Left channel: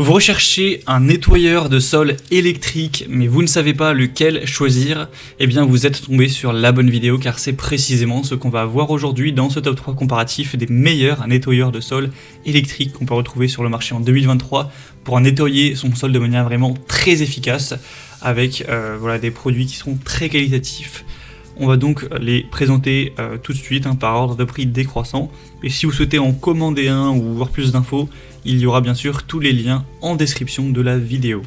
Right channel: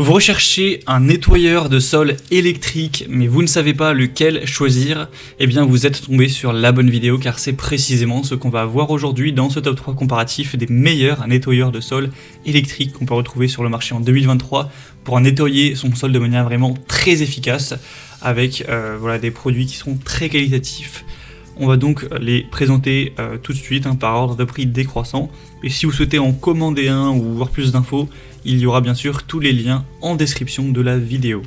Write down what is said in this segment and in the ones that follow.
Vous recherchez un nettoyeur de sol électrique, mais vous ne savez pas lequel choisir, eh bien vous êtes tombé sur la bonne vidéo car c'est précisément ce qu'on va voir aujourd'hui dans ce top 3 comparatif des meilleurs nettoyeurs de sol électriques qu'on peut retrouver sur le marché en 2023 pour nettoyer son sol de manière vraiment très efficace avec des produits qui sont très qualitatifs. On va donc les présenter tout de suite par ordre de prix décroissant. Et si vous souhaitez en commander un ou voir plus d'infos, il y aura bien sûr tous les liens en description de la vidéo.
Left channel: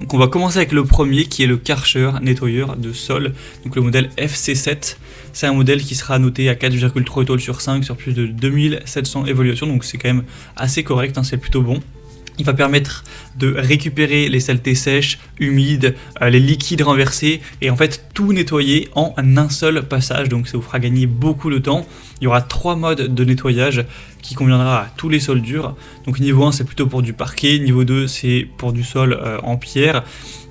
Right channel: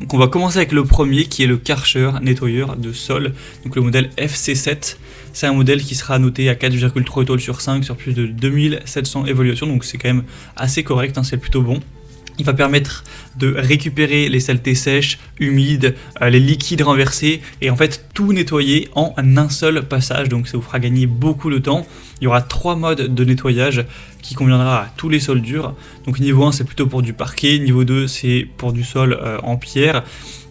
Donc on va commencer avec le premier qui est le Karcher nettoyeur de sol, donc le modèle FC7. C'est un modèle qui sera noté à 4,3 étoiles sur 5 sur plus de 2700 évaluations, donc c'est quand même assez correct, c'est plutôt bon. Il va permettre de récupérer les saletés sèches, humides, les liquides renversés et en fait tout nettoyer en un seul passage, donc ça vous fera gagner beaucoup de temps. Il y aura 3 modes de nettoyage qui conviendra à tous les sols durs. Donc niveau 1 c'est plutôt pour du parquet, niveau 2 c'est pour du sol en pierre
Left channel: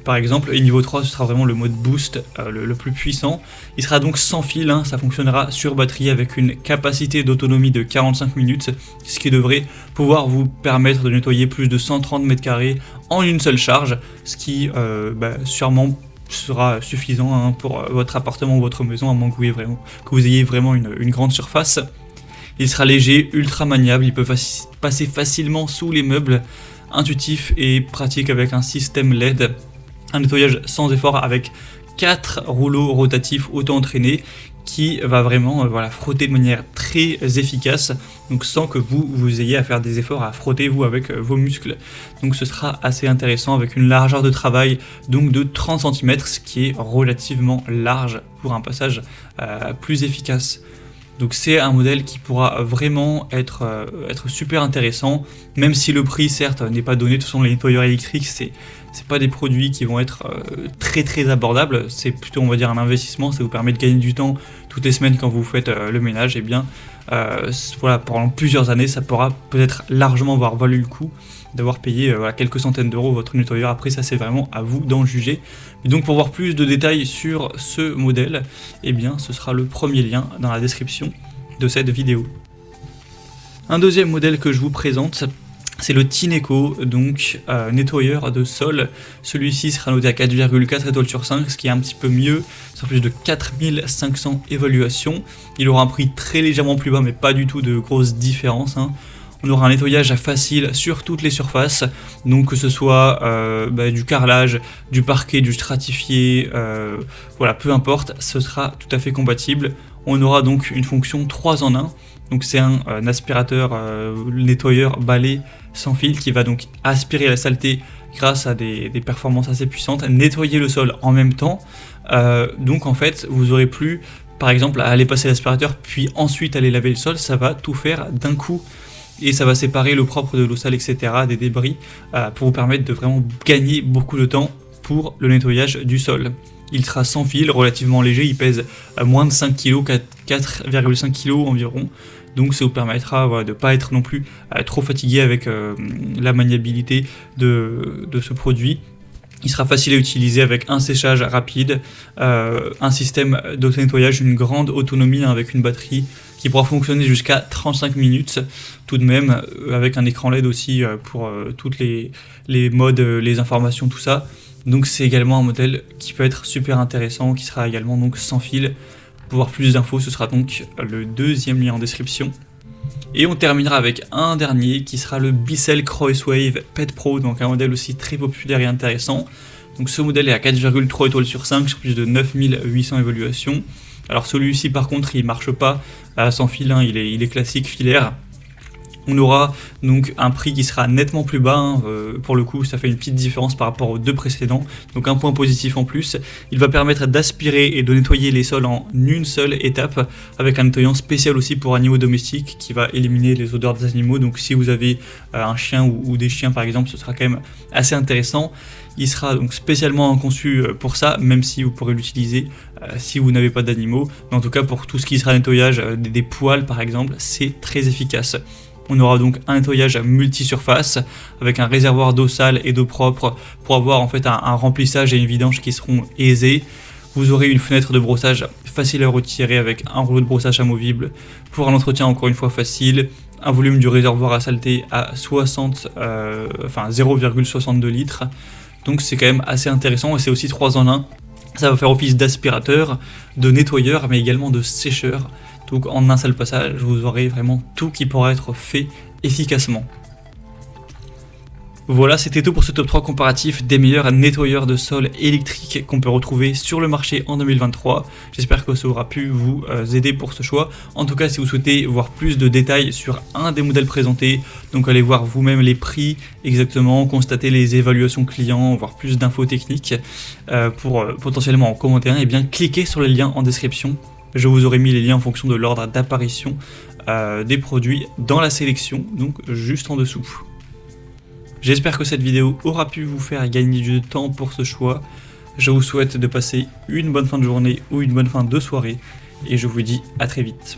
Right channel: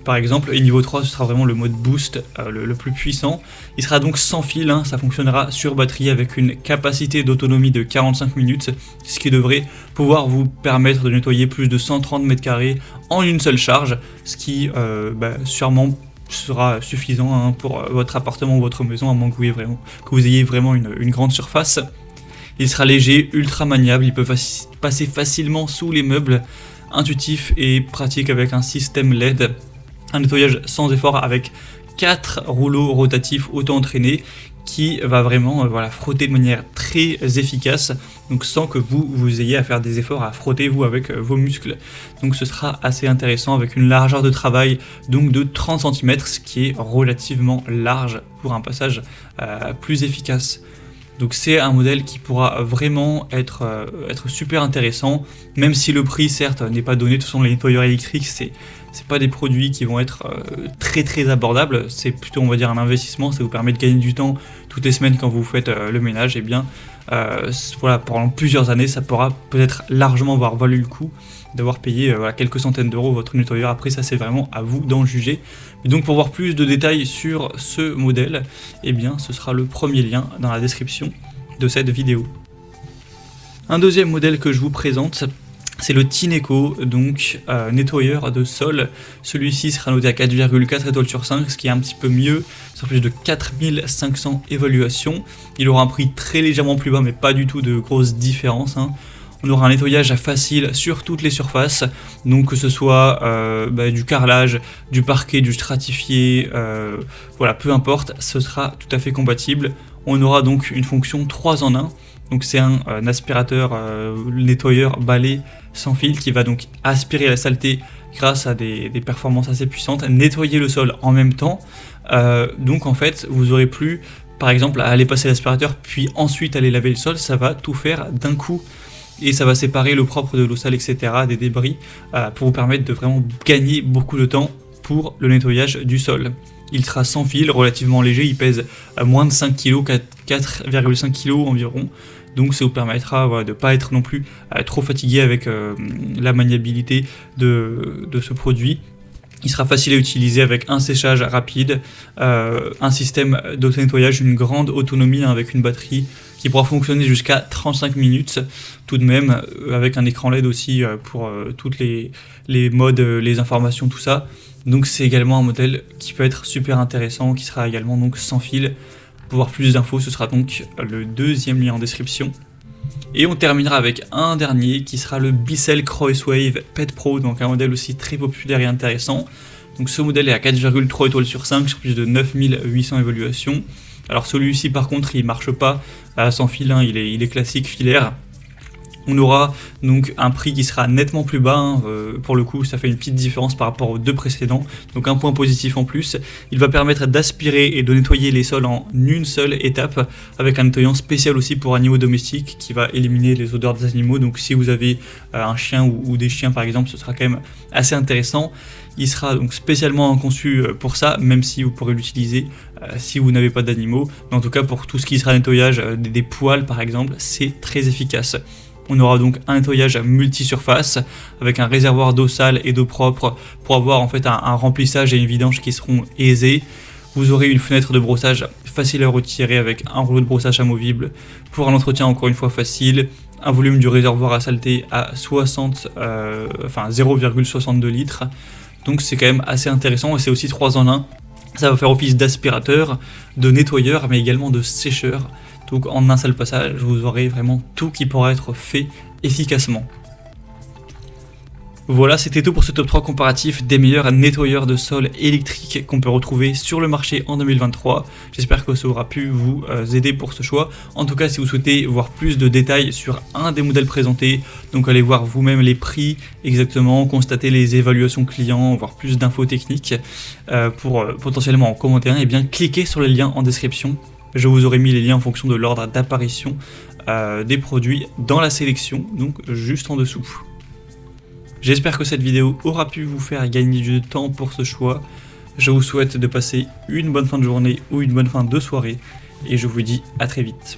par exemple, et niveau 3 ce sera vraiment le mode boost le plus puissant. Il sera donc sans fil, ça fonctionnera sur batterie avec une capacité d'autonomie de 45 minutes, ce qui devrait pouvoir vous permettre de nettoyer plus de 130 m² en une seule charge, ce qui sûrement sera suffisant pour votre appartement ou votre maison, à moins que vous ayez vraiment une grande surface. Il sera léger, ultra maniable, il peut passer facilement sous les meubles, intuitif et pratique avec un système LED, un nettoyage sans effort avec 4 rouleaux rotatifs auto-entraînés qui va vraiment frotter de manière très efficace, donc sans que vous ayez à faire des efforts à frotter vous avec vos muscles. Donc ce sera assez intéressant avec une largeur de travail donc de 30 cm, ce qui est relativement large pour un passage plus efficace. Donc c'est un modèle qui pourra vraiment être super intéressant, même si le prix certes n'est pas donné. De toute façon les nettoyeurs électriques c'est pas des produits qui vont être très abordables, c'est plutôt on va dire un investissement, ça vous permet de gagner du temps toutes les semaines quand vous faites le ménage, et bien pendant plusieurs années ça pourra peut-être largement valoir le coup d'avoir payé quelques centaines d'euros votre nettoyeur. Après ça c'est vraiment à vous d'en juger. Et donc pour voir plus de détails sur ce modèle, eh bien ce sera le premier lien dans la description de cette vidéo. Un deuxième modèle que je vous présente, c'est le Tineco, donc nettoyeur de sol. Celui-ci sera noté à 4,4 étoiles sur 5, ce qui est un petit peu mieux, sur plus de 4500 évaluations. Il aura un prix très légèrement plus bas, mais pas du tout de grosses différences. On aura un nettoyage facile sur toutes les surfaces, donc que ce soit du carrelage, du parquet, du stratifié, peu importe, ce sera tout à fait compatible. On aura donc une fonction 3 en 1, donc c'est un aspirateur nettoyeur balai sans fil qui va donc aspirer la saleté grâce à des performances assez puissantes, nettoyer le sol en même temps. Donc en fait vous aurez plus par exemple à aller passer l'aspirateur puis ensuite aller laver le sol, ça va tout faire d'un coup. Et ça va séparer le propre de l'eau sale, etc., des débris, pour vous permettre de vraiment gagner beaucoup de temps pour le nettoyage du sol. Il sera sans fil, relativement léger, il pèse moins de 5 kg, 4,5 kg environ. Donc ça vous permettra de ne pas être non plus trop fatigué avec la maniabilité de ce produit. Il sera facile à utiliser avec un séchage rapide, un système d'auto-nettoyage, une grande autonomie avec une batterie qui pourra fonctionner jusqu'à 35 minutes tout de même, avec un écran LED aussi pour toutes les modes, les informations, tout ça. Donc c'est également un modèle qui peut être super intéressant, qui sera également donc sans fil. Pour voir plus d'infos, ce sera donc le deuxième lien en description. Et on terminera avec un dernier qui sera le Bissell Crosswave Pet Pro, donc un modèle aussi très populaire et intéressant. Donc ce modèle est à 4,3 étoiles sur 5 sur plus de 9800 évaluations. Alors celui-ci par contre il marche pas sans fil, il est classique filaire. On aura donc un prix qui sera nettement plus bas, pour le coup ça fait une petite différence par rapport aux deux précédents, donc un point positif en plus. Il va permettre d'aspirer et de nettoyer les sols en une seule étape, avec un nettoyant spécial aussi pour animaux domestiques qui va éliminer les odeurs des animaux. Donc si vous avez un chien ou des chiens par exemple, ce sera quand même assez intéressant. Il sera donc spécialement conçu pour ça, même si vous pourrez l'utiliser si vous n'avez pas d'animaux. En tout cas pour tout ce qui sera nettoyage avec des poils par exemple, c'est très efficace. On aura donc un nettoyage à multi-surface avec un réservoir d'eau sale et d'eau propre pour avoir en fait un remplissage et une vidange qui seront aisés. Vous aurez une fenêtre de brossage facile à retirer avec un rouleau de brossage amovible pour un entretien encore une fois facile, un volume du réservoir à saleté à 0,62 litres. Donc c'est quand même assez intéressant et c'est aussi 3 en 1. Ça va faire office d'aspirateur, de nettoyeur, mais également de sécheur. Donc en un seul passage, vous aurez vraiment tout qui pourra être fait efficacement. Voilà, c'était tout pour ce top 3 comparatif des meilleurs nettoyeurs de sol électriques qu'on peut retrouver sur le marché en 2023. J'espère que ça aura pu vous aider pour ce choix. En tout cas, si vous souhaitez voir plus de détails sur un des modèles présentés, donc allez voir vous-même les prix exactement, constater les évaluations clients, voir plus d'infos techniques pour potentiellement en commenter un, et bien cliquez sur le lien en description. Je vous aurai mis les liens en fonction de l'ordre d'apparition des produits dans la sélection, donc juste en dessous. J'espère que cette vidéo aura pu vous faire gagner du temps pour ce choix. Je vous souhaite de passer une bonne fin de journée ou une bonne fin de soirée et je vous dis à très vite.